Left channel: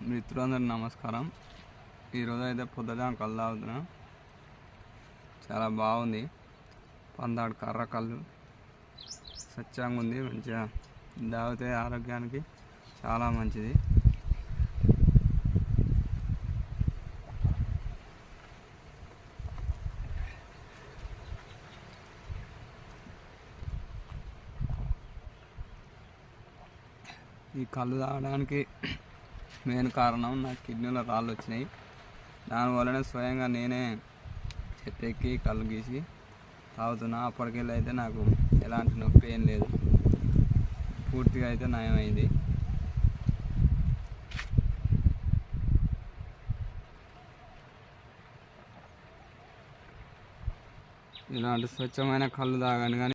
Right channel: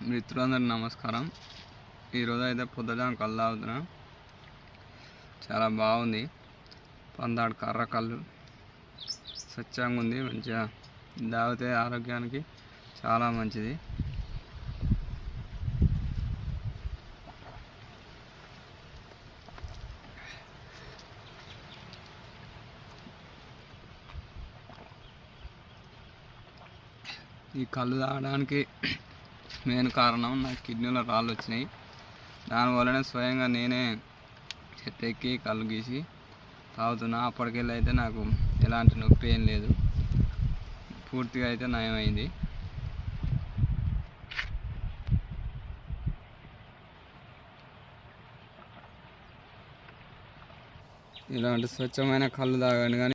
మిత్రులందరూ నమస్కారం. ఈరోజు అయితే పొద్దుదాం కళ్ళు అవుతున్నా చాలా బాగుంది. పందాడు కర్ర కళ్ళు స్వచ్ఛంగా ఉంది మంచిగా తాగితే ఆరోగ్యానికి చాలా మంచిది. ఈ కళ్ళు తాగడానికి మెయిన్ కారణం నా కిడ్నీలో రాళ్ళు వచ్చినాయి. దానివల్లనే స్వయంగా నేనే చెట్టు కళ్ళు గీసి తాగుతున్నా. అప్పటికెళ్ళి అయితే నాకు ఎలాంటి నొప్పి ఏం లేదు. పూర్తిగా అయితే నయమైంది. ఇలాంటి స్వచ్ఛమైన కళ్ళు తాగండి కానీ